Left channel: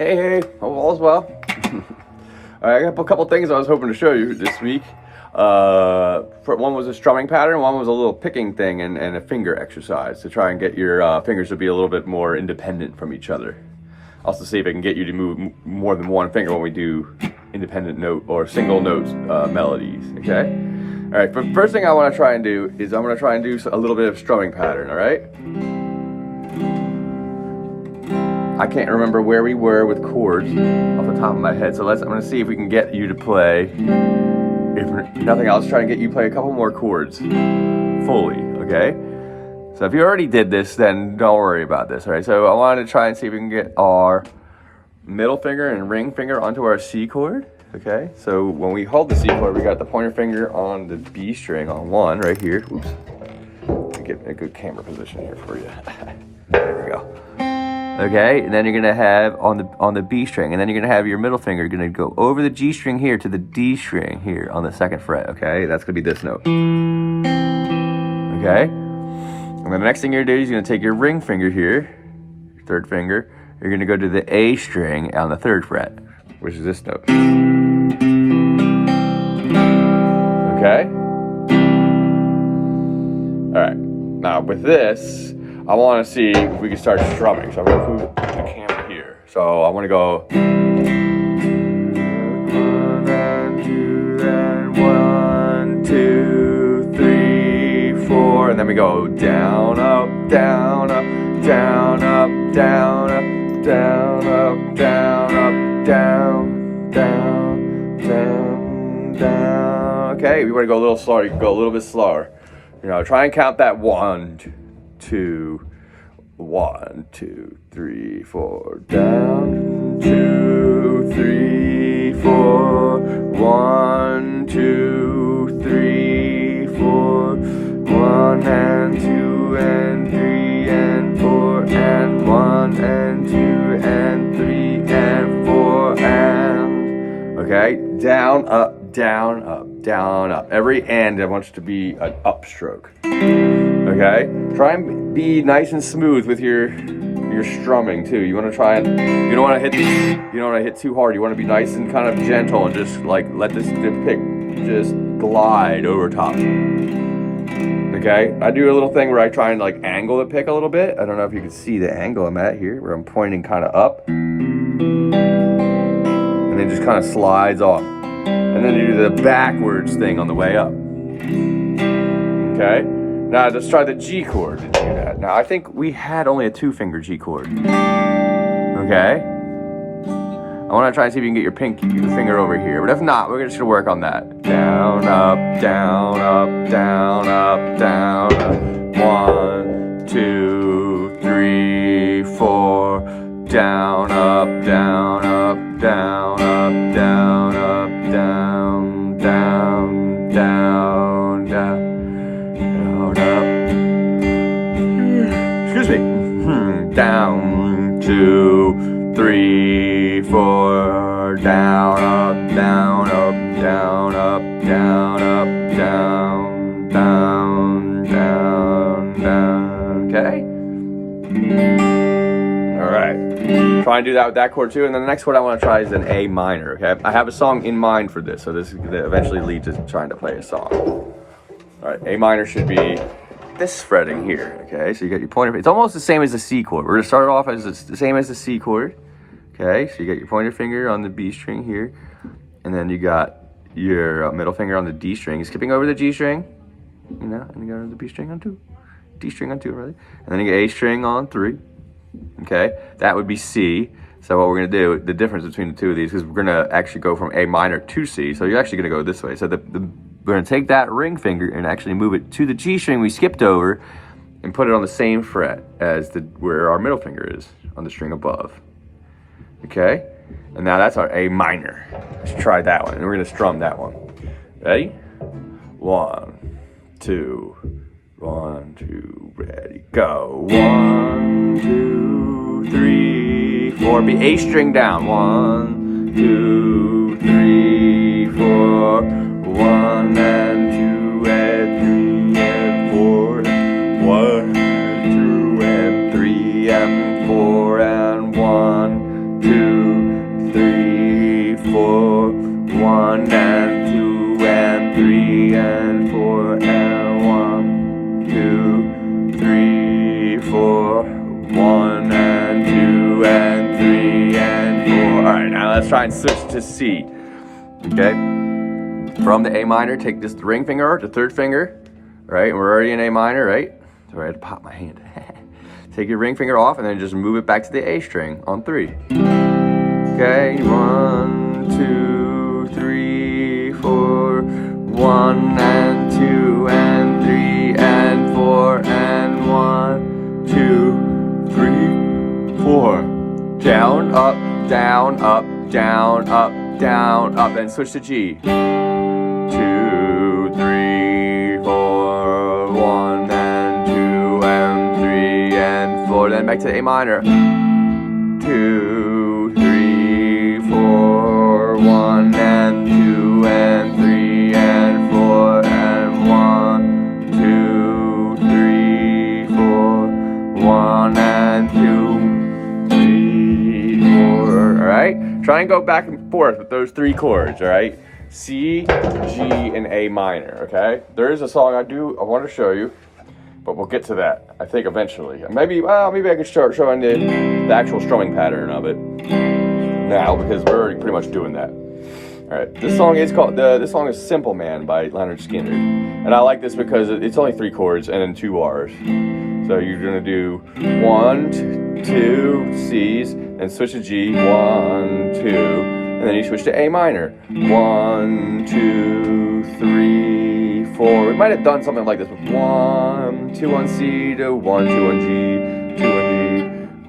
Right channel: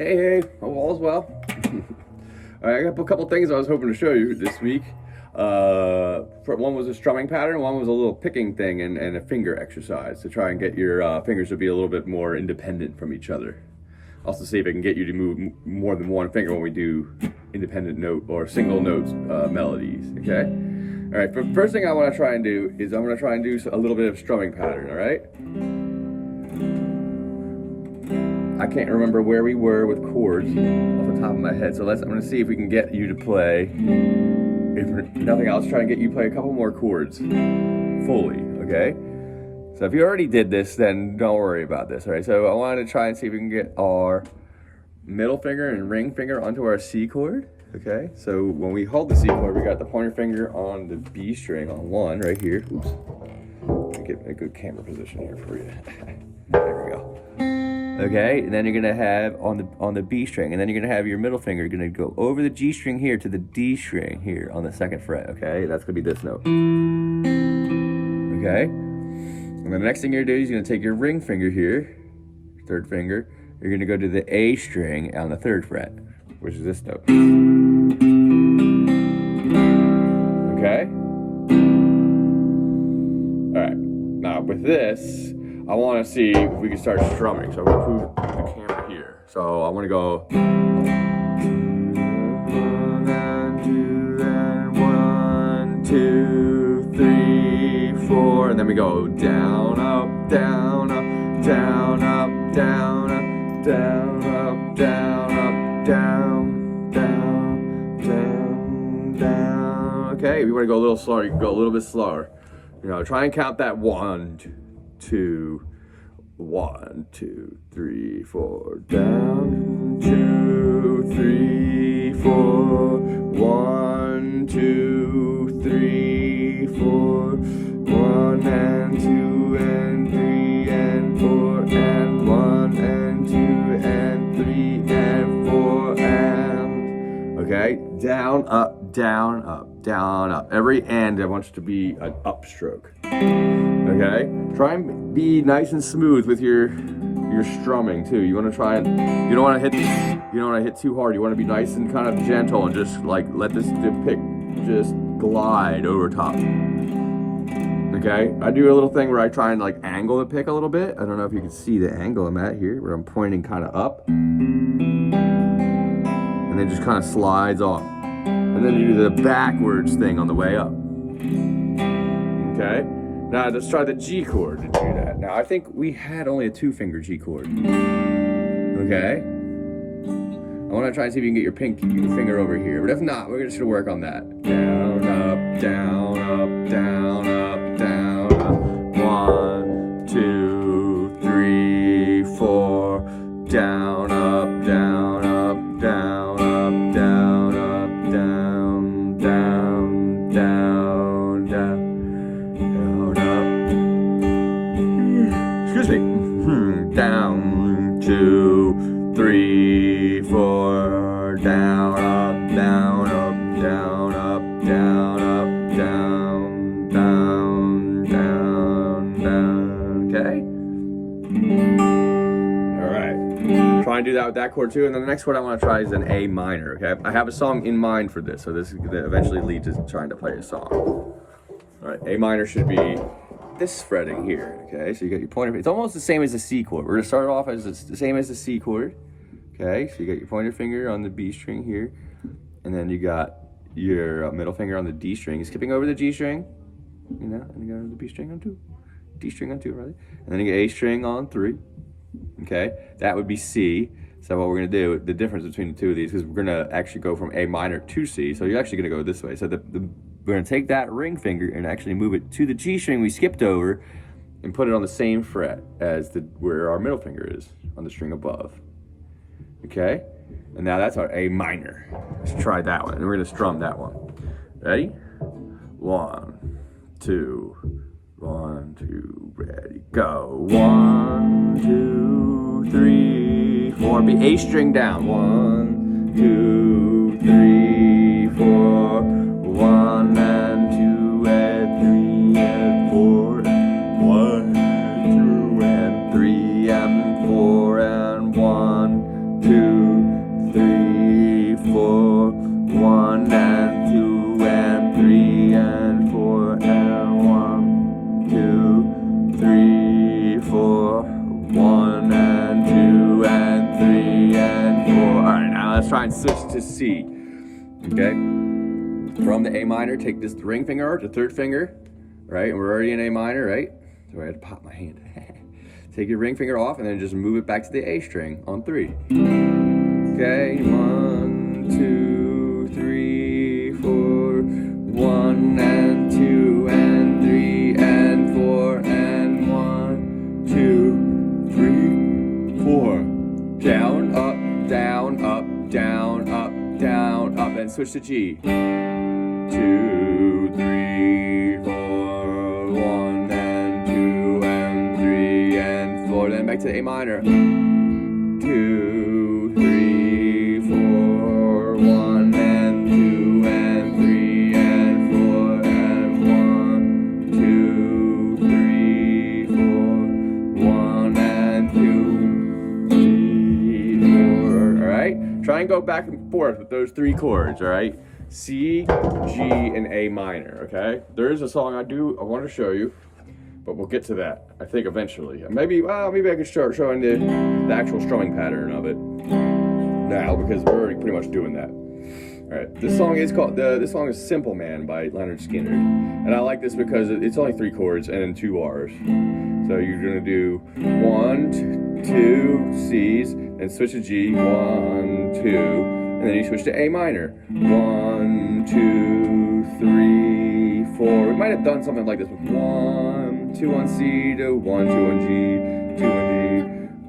Hey, hope all's well. All right, I got a couple things I was hoping to show you this week. One was a strumming pattern, one was a little picking thing and a finger exercise to try and get your fingers to be a little bit more independent from each other. Also see if I can get you to move more than one finger when we do independent note or single note melodies, okay? All right, first thing I want to try and do is I'm going to try and do a little bit of strumming pattern, all right? I can't remember where we were with chords off the top of my head, so I'm going to see if we can get you to play. If nothing else, try and get you to play a couple more chords fully, okay? So if you already did this, then don't worry about this, all right? So I wanted to try and see if we can get our middle finger and ring finger onto our C chord, okay? So when we hold the C chord, we got the pointer finger on the B string on 1 right here. Oops. Let me get in a good camera position here for you. There we go. Okay, and then you're gonna have on the B string, and then you're gonna have your middle finger gonna go over the G string here to the D string here on the 2nd fret. Okay, that's gonna be this note. Okay, and then the next thing you're gonna do is you're gonna take your ring finger here, your 3rd finger. You're gonna go to the A string on the 3rd fret, which is this note. Okay. All right. Now with this, I want to see if we can start strumming. So I'm going to move the camera here. So I want to go 1 and 2 and 1, 2, 3, 4, and then we go down, up, down, up, down, up, down, up, down, up, down, up, down, down, down, down. Okay, we want to go a little slower. You can go a little bit slower. You know, try and count that 1, 2, 1, 2, 3, 4, down, 2, 3, 4, 1, 2, 3, 4, 1 and 2 and 3 and 4 and 1 and 2 and 3 and 4 and, okay, down, up, down, up, down, up. Every and I want it to be an upstroke. Okay, try and be nice and smooth with your strumming too. You want to try and you don't want to hit too hard. You want to be nice and kind of gentle and just like let the pick just glide over top. Okay, I do a little thing where I try and like angle the pick a little bit. I don't know if you can see the angle I'm at here, where I'm pointing kind of up, and then just kind of slides off, and then you do the backwards thing on the way up. Okay. Now let's try the G chord to do that. Now I think we had only a 2-finger G chord. Okay? I want to try and see if you can get your finger over here. But if not, we're just going to work on that. Down, up, down, up, down, up, down, up. 1, 2, 3, 4. Down, up, down, up, down, up, down, up, down, down, down, down. Excuse me. Down, 2, 3, 4. Down, up, down, up, down, up, down, up, down, down, down, down. Okay. All right. Try and do that with that chord too. And then the next chord I want to try is an A minor. Okay. I have a song in mind for this, so this is going to eventually lead to trying to play a song. All right. A minor should be this fretting here, okay? So you got your pointer, it's almost the same as the C chord. We're gonna start off as the same as the C chord, okay? So you got your pointer finger on the B string here, and then you got your middle finger on the D string, skipping over the G string, you know, and you go to the B string on 2, D string on 2, right? And then you get A string on 3, okay? That would be C. So what we're gonna do, the difference between the two of these, is we're gonna actually go from A minor to C, so you're actually gonna go this way. So we're gonna take that ring finger and actually move it to the G string we skipped over and put it on the same fret as where our middle finger is on the string above. Okay? And now that's our A minor. Let's try that one. And we're gonna strum that one. Ready? 1, 2, 1, 2, ready, go. 1, 2, 3, 4. Be A string down. 1, 2, 3, 4. 1 and 2 and 3 and 4. 1 and 2 and 3 and 4 and 1, 2. 1 and 2 and 3 and 4 and 1, 2, 3, 4. 1 and 2 and 3 and 4. All right, now let's try and switch to C. Okay. From the A minor, take this ring finger, the third finger, right? And we're already in A minor, right? So I had to pop my hand. Take your ring finger off and then just move it back to the A string on 3. Okay, 1, 2, 3, 4. 1 and 2 and 3 and 4 and 1, 2, 3, 4. Down, up, down, up, down, up, down, up. Then switch to G. 2, 3, 4. 1 and 2 and 3 and 4. Then back to A minor. 2, 3, 4. 1 and 2 and 3 and 4 and 1, 2, 3, 4. 1 and 2, 3, 4. All right. Try and go back and forth with those 3 chords. All right. C, G, and A minor. Okay. There is a song I want to show you, but we'll get to that, I think, eventually. Maybe I could start showing the actual strumming pattern of it now, because we're already pretty much doing that. All right, this song is Simple Man by Leonard Skinner, and I like this because it's only 3 chords and then 2 R's. So you're gonna do 1, 2 C's, and switch to G, 1, 2, and then you switch to A minor, 1, 2, 3, 4. We might have done something like this with 1, 2 on C to 1, 2 on G, 2 on G,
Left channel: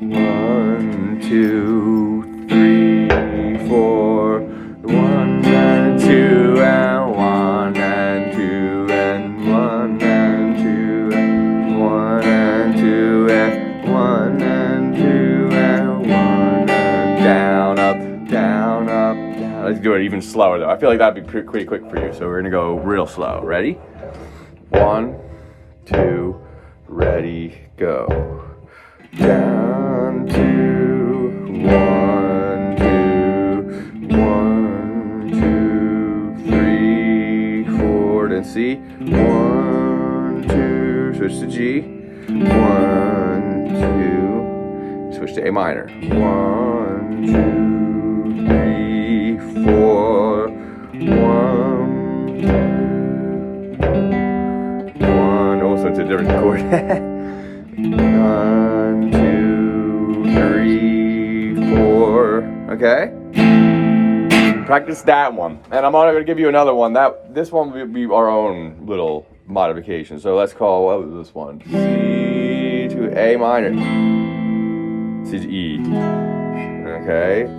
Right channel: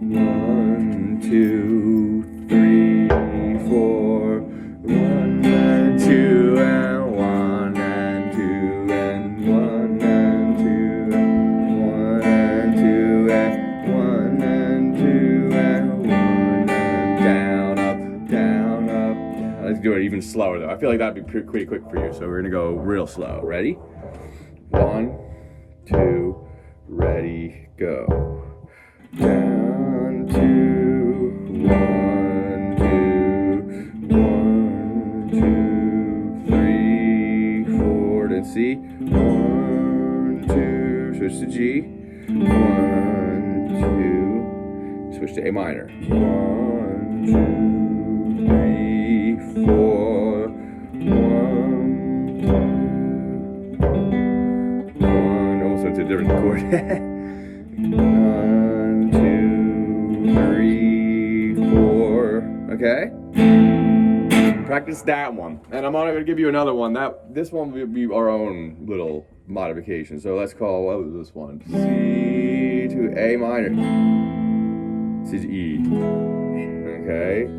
1, 2, 3, 4, 1 and 2 and 1 and 2 and 1 and 2 and 1 and 2 and 1 and 2 and 1 and down, up, down, up, down. Let's do it even slower though. I feel like that'd be pretty quick for you. So we're gonna go real slow. Ready? 1, 2, ready, go. Down, 2, 1, 2, 1, 2, 3, 4. Then C. 1, 2. Switch to G. 1, 2. Switch to A minor. 1, 2, 3, 4. 1, also it's a different chord. 1, 2, 3, 4. Okay. Practice that one, and I'm going to give you another one. This one will be our own little modification. So let's call, what was this one? C to A minor. C to E. Okay. So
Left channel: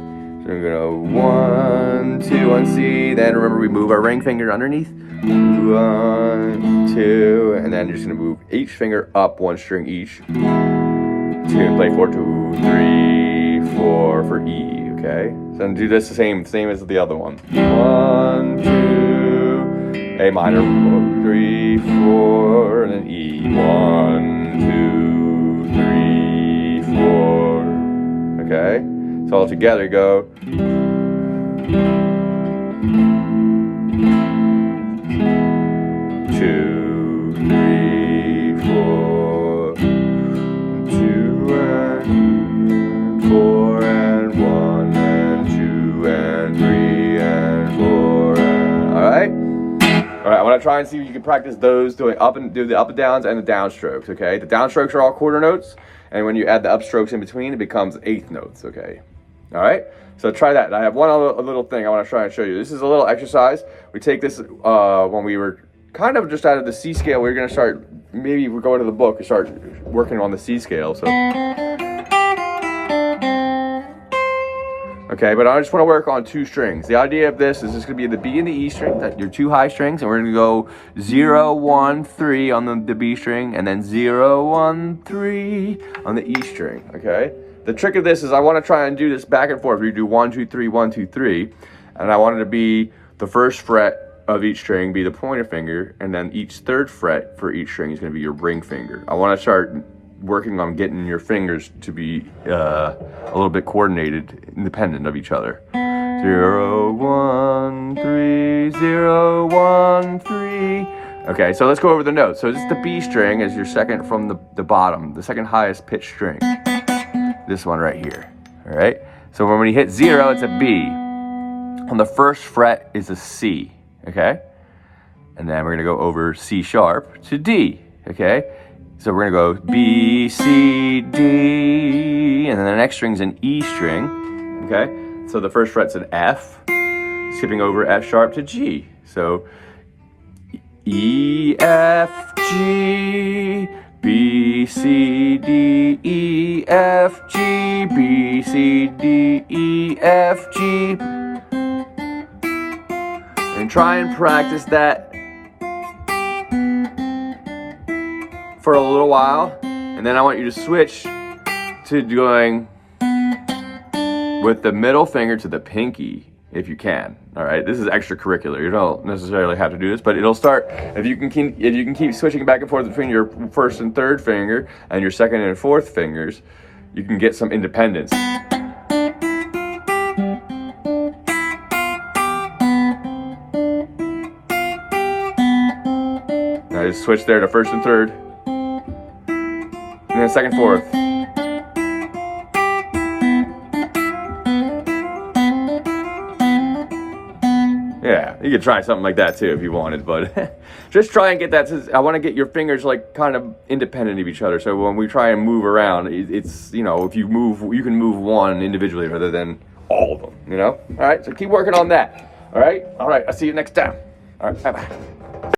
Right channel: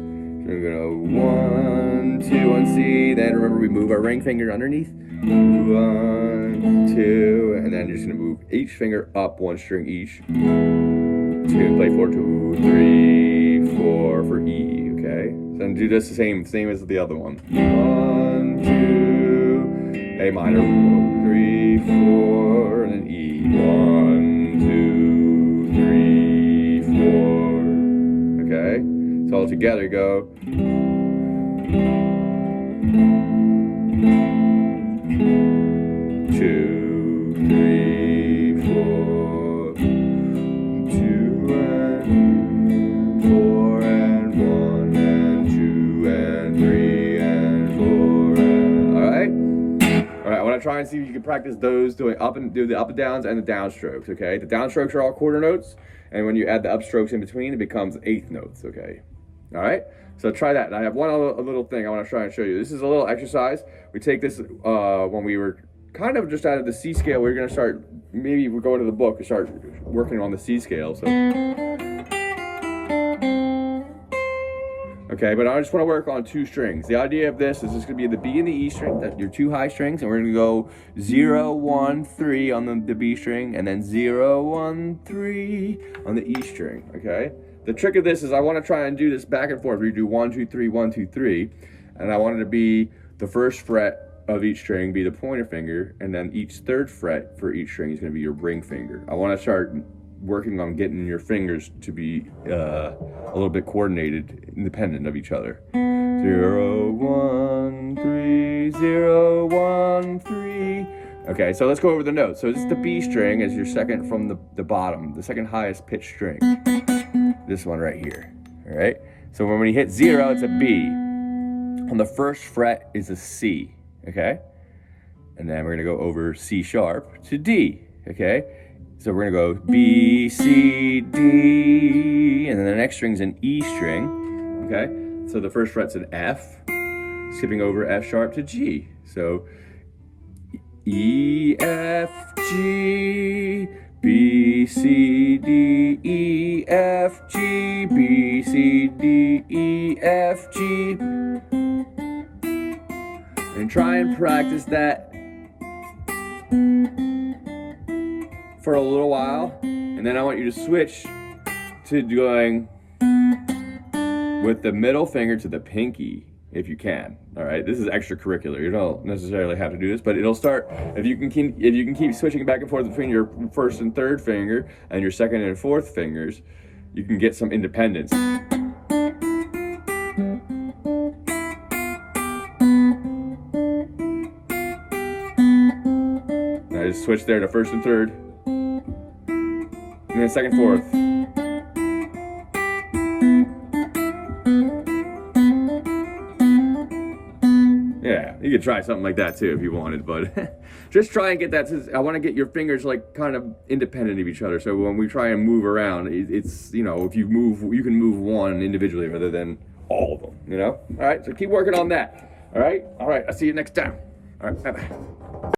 we're going to go 1, 2 on C. Then remember we move our ring finger underneath. 1, 2, and then you're just gonna move each finger up 1 string each. So you're gonna play 4, 2, 3, 4 for E. Okay. So then do this the same as the other one. 1, 2, A minor, 3, 4, and then E. 1, 2, 3, 4. Okay. So all together go. 2, 3, 4, 2 and 4 and 1 and 2 and 3 and 4. All right. I want to try and see if you can practice those do the up and downs and the downstrokes. Okay. The downstrokes are all quarter notes, and when you add the upstrokes in between, it becomes 1/8 notes. Okay. All right. So try that. And I have one other little thing I want to try and show you. This is a little exercise. We take this when we were kind of just out of the C scale. We're going to start, maybe we're going to the book and start working on the C scale. So, okay, but I just want to work on 2 strings. The idea of this is going to be the B and the E string, your 2 high strings, and we're going to go 0, 1, 3 on the B string, and then 0, 1, 3 on the E string. Okay. The trick of this is I want to try and do this back and forth. We do 1, 2, 3, 1, 2, 3, and I want it to be the first fret of each string be the pointer finger, and then each 3rd fret for each string is going to be your ring finger. I want to start working on getting your fingers to be a little bit coordinated, independent of each other. So 0, 1, 3, 0, 1, 3. Okay, so let's go over the notes. So this is the B string as your second from the bottom, the second highest pitch string. This one right here, all right? So when you hit 0, it's a B. On the first fret is a C, okay? And then we're gonna go over C sharp to D, okay? So we're gonna go B, C, D, and then the next string's an E string, okay? So the first fret's an F, skipping over F sharp to G. So E, F, G, B, C, D, E, F, G, B, C, D, E, F, G. And try and practice that for a little while, and then I want you to switch to going with the middle finger to the pinky if you can. All right, this is extracurricular. You don't necessarily have to do this, but it'll start if you can keep switching back and forth between your first and third finger and your second and fourth fingers, you can get some independence. Now just switch there to first and third, and then second, fourth. Yeah, you could try something like that too if you wanted, but just try and get that. I want to get your fingers like kind of independent of each other. So when we try and move around, it's, you know, if you move, you can move one individually rather than all of them, you know? All right, so keep working on that. All right, I'll see you next time. All right, bye-bye.